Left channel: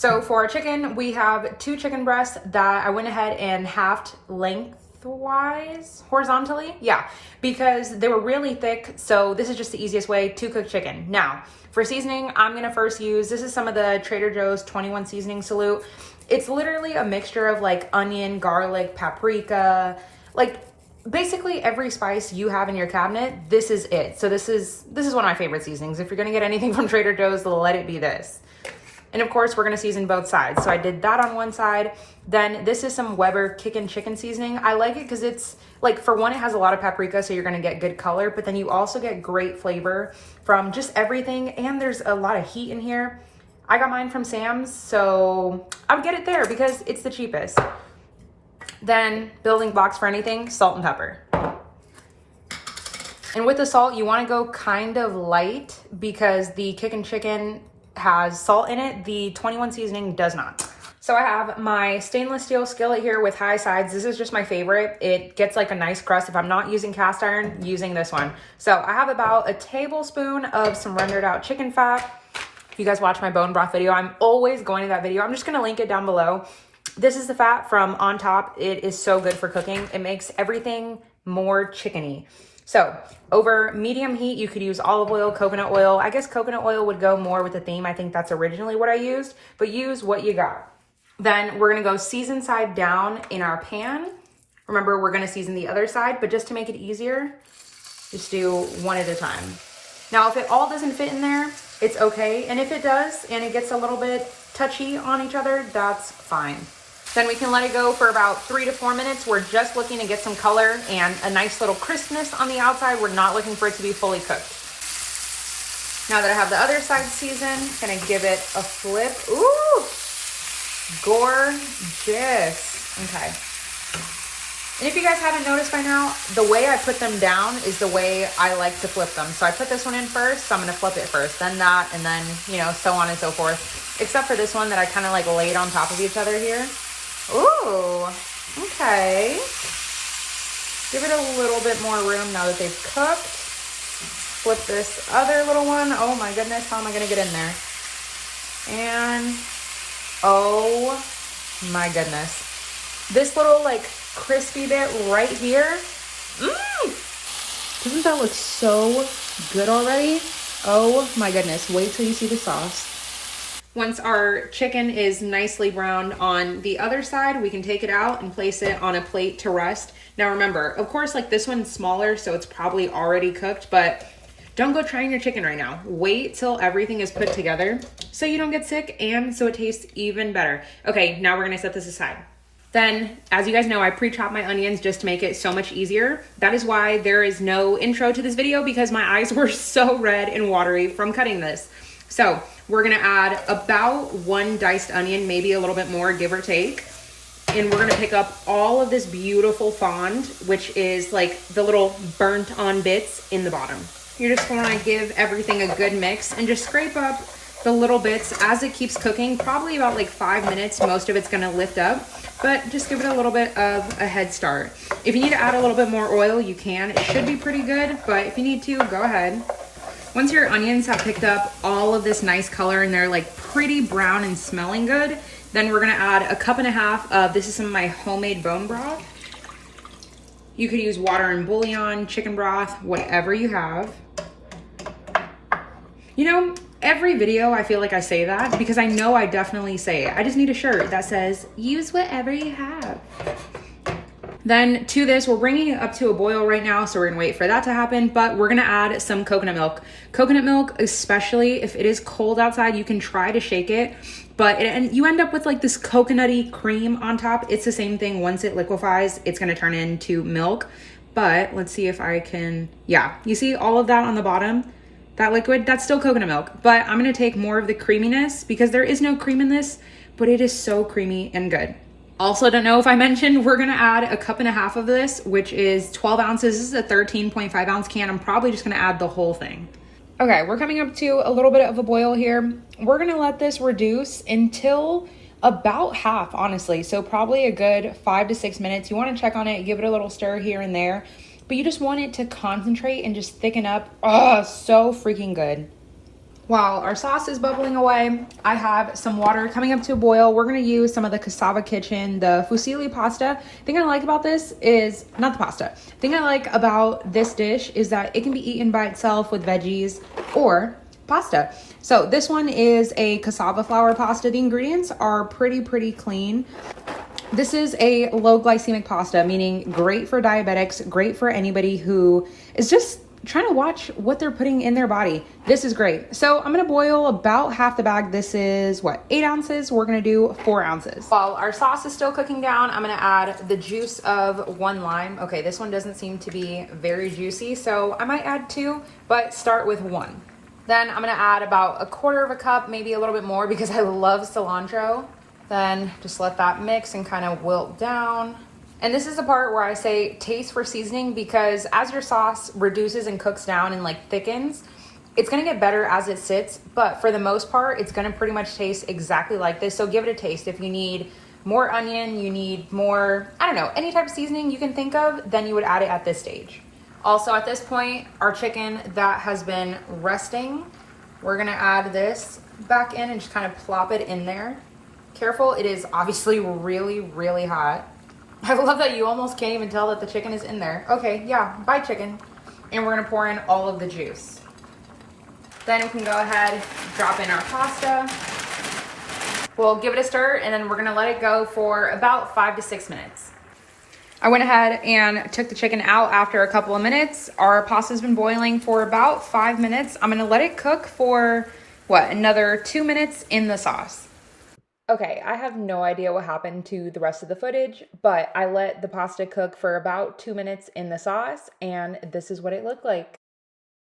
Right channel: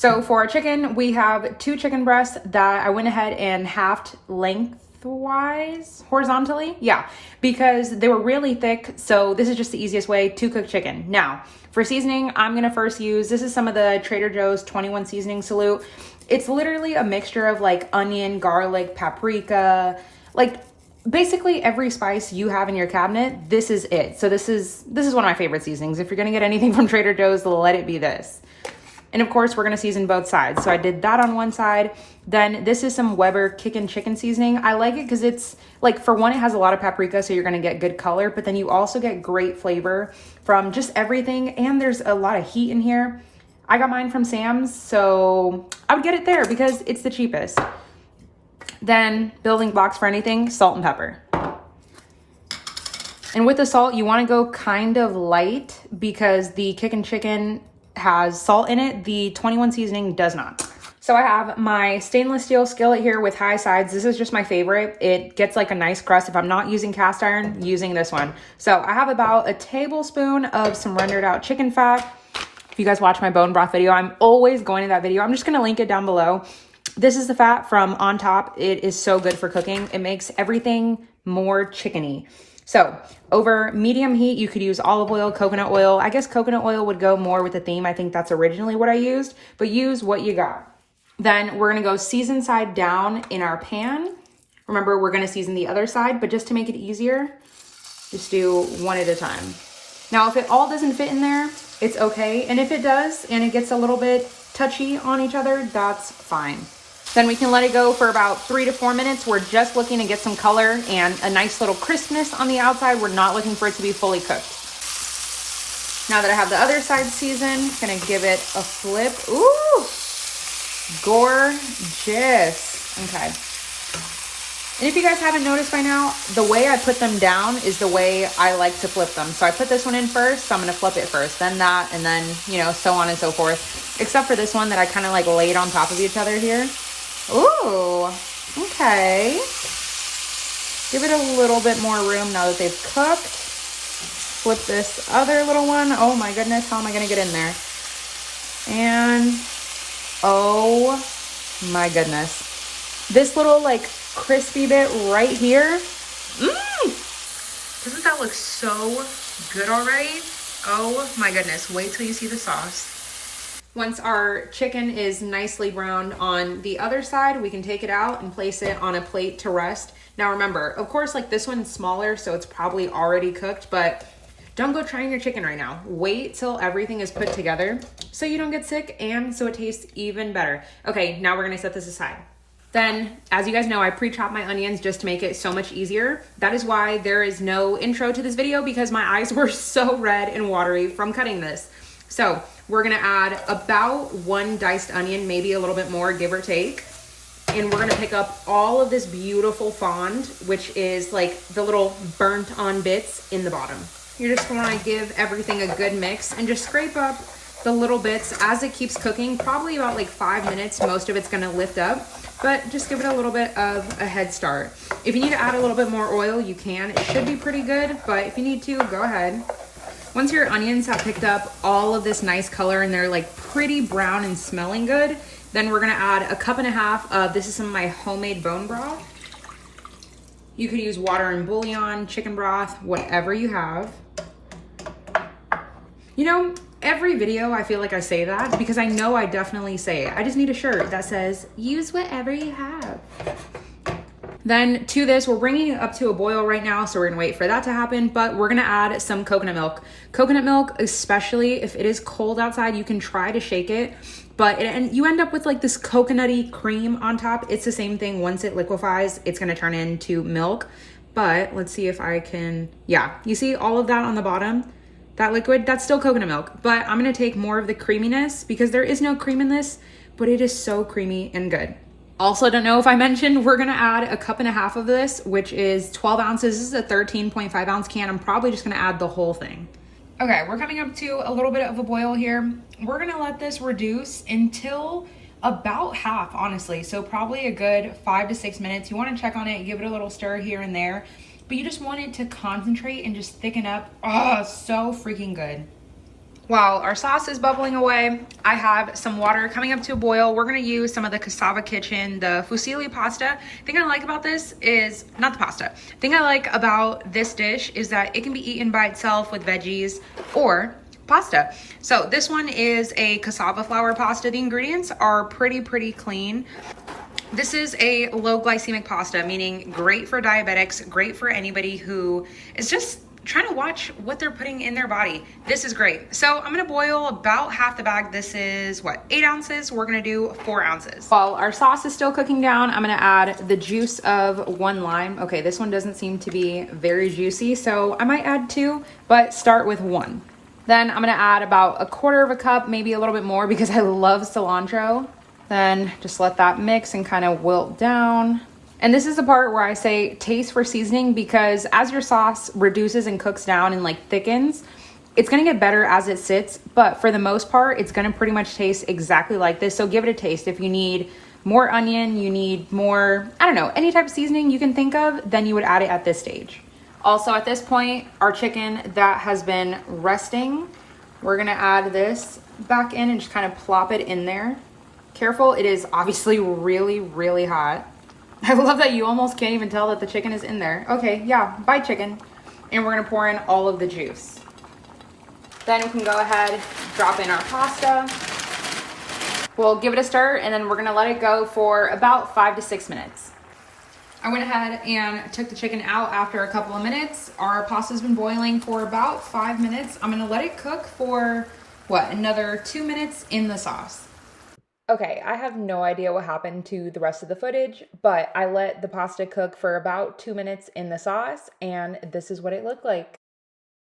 So for our chicken, we have 2 chicken breasts that I went ahead and halved lengthwise, horizontally. Yeah, because they were really thick. So this is just the easiest way to cook chicken. Now, for seasoning, I'm gonna first use, this is some of the Trader Joe's 21 seasoning salute. It's literally a mixture of like onion, garlic, paprika, like basically every spice you have in your cabinet. This is it. So this is one of my favorite seasonings. If you're gonna get anything from Trader Joe's, let it be this. And of course, we're gonna season both sides. So I did that on one side. Then this is some Weber Kickin' Chicken seasoning. I like it because it's like, for one, it has a lot of paprika, so you're gonna get good color, but then you also get great flavor from just everything. And there's a lot of heat in here. I got mine from Sam's, so I would get it there because it's the cheapest. Then building blocks for anything, salt and pepper. And with the salt, you wanna go kind of light because the Kickin' Chicken has salt in it. The 21 seasoning does not. So I have my stainless steel skillet here with high sides. This is just my favorite. It gets like a nice crust. If I'm not using cast iron, using this one. So I have about a tablespoon of some rendered out chicken fat. If you guys watch my bone broth video, I'm always going to that video. I'm just gonna link it down below. This is the fat from On Top. It is so good for cooking. It makes everything more chickeny. So over medium heat, you could use olive oil, coconut oil. I guess coconut oil would go more with the theme. I think that's originally what I used, but use what you got. Then we're gonna go season side down in our pan. Remember, we're gonna season the other side, but just to make it easier, just do one at a time. Now, if it all doesn't fit in there, it's okay. And if it does, and it gets a little bit touchy on each other, that's fine. Then we can let it go for about 3 to 4 minutes. We're just looking to get some color and a nice little crispness on the outside. We're not looking for it to be fully cooked. Now that I have the other side seasoned, I'm gonna give it a flip. Ooh, gorgeous. Okay. And if you guys haven't noticed by now, the way I put them down is the way I like to flip them. So I put this one in first, so I'm gonna flip it first, then that, and then, you know, so on and so forth. Except for this one that I kind of like laid on top of each other here. Ooh, okay. Give it a little bit more room now that they've cooked. Flip this other little one. Oh my goodness, how am I gonna get in there? And, oh my goodness. This little like crispy bit right here. Doesn't that look so good already? Oh my goodness, wait till you see the sauce. Once our chicken is nicely browned on the other side, we can take it out and place it on a plate to rest. Now remember, of course, like this one's smaller, so it's probably already cooked, but don't go trying your chicken right now. Wait till everything is put together so you don't get sick and so it tastes even better. Okay, now we're gonna set this aside. Then, as you guys know, I pre-chop my onions just to make it so much easier. That is why there is no intro to this video, because my eyes were so red and watery from cutting this. So we're gonna add about 1 diced onion, maybe a little bit more, give or take. And we're gonna pick up all of this beautiful fond, which is like the little burnt on bits in the bottom. You're just gonna give everything a good mix and just scrape up the little bits as it keeps cooking. Probably about like 5 minutes, most of it's gonna lift up, but just give it a little bit of a head start. If you need to add a little bit more oil, you can. It should be pretty good, but if you need to, go ahead. Once your onions have picked up all of this nice color and they're like pretty brown and smelling good, then we're gonna add a 1.5 cups of, this is some of my homemade bone broth. You could use water and bouillon, chicken broth, whatever you have. You know, every video I feel like I say that because I know I definitely say it. I just need a shirt that says, use whatever you have. Then to this, we're bringing it up to a boil right now, so we're gonna wait for that to happen, but we're gonna add some coconut milk. Coconut milk, especially if it is cold outside, you can try to shake it, but and you end up with like this coconutty cream on top. It's the same thing. Once it liquefies, it's gonna turn into milk. But let's see if I can, yeah, you see all of that on the bottom? That liquid, that's still coconut milk, but I'm gonna take more of the creaminess because there is no cream in this, but it is so creamy and good. Also, don't know if I mentioned, we're gonna add a 1.5 cups of this, which is 12 ounces. This is a 13.5 ounce can. I'm probably just gonna add the whole thing. Okay, we're coming up to a little bit of a boil here. We're gonna let this reduce until about half, honestly. So probably a good 5 to 6 minutes. You wanna check on it, give it a little stir here and there, but you just want it to concentrate and just thicken up. Oh, so freaking good. While our sauce is bubbling away, I have some water coming up to a boil. We're gonna use some of the Cassava Kitchen, the fusilli pasta. The thing I like about this is, not the pasta, the thing I like about this dish is that it can be eaten by itself with veggies or pasta. So this one is a cassava flour pasta. The ingredients are pretty clean. This is a low glycemic pasta, meaning great for diabetics, great for anybody who is just trying to watch what they're putting in their body. This is great. So I'm gonna boil about half the bag. This is what, 8 ounces? We're gonna do 4 ounces. While our sauce is still cooking down, I'm gonna add the juice of 1 lime. Okay, this one doesn't seem to be very juicy, so I might add 2, but start with 1. Then I'm gonna add about 1/4 cup, maybe a little bit more because I love cilantro. Then just let that mix and kind of wilt down. And this is the part where I say taste for seasoning, because as your sauce reduces and cooks down and like thickens, it's gonna get better as it sits, but for the most part, it's gonna pretty much taste exactly like this. So give it a taste. If you need more onion, you need more, I don't know, any type of seasoning you can think of, then you would add it at this stage. Also at this point, our chicken that has been resting, we're gonna add this back in and just kind of plop it in there. Careful, it is obviously really hot. I love that you almost can't even tell that the chicken is in there. Okay, yeah, bye chicken. And we're gonna pour in all of the juice. Then we can go ahead, drop in our pasta. We'll give it a stir and then we're gonna let it go for about 5 to 6 minutes. I went ahead and took the chicken out after a couple of minutes. Our pasta's been boiling for about 5 minutes. I'm gonna let it cook for, another 2 minutes in the sauce. Okay, I have no idea what happened to the rest of the footage, but I let the pasta cook for about 2 minutes in the sauce, and this is what it looked like.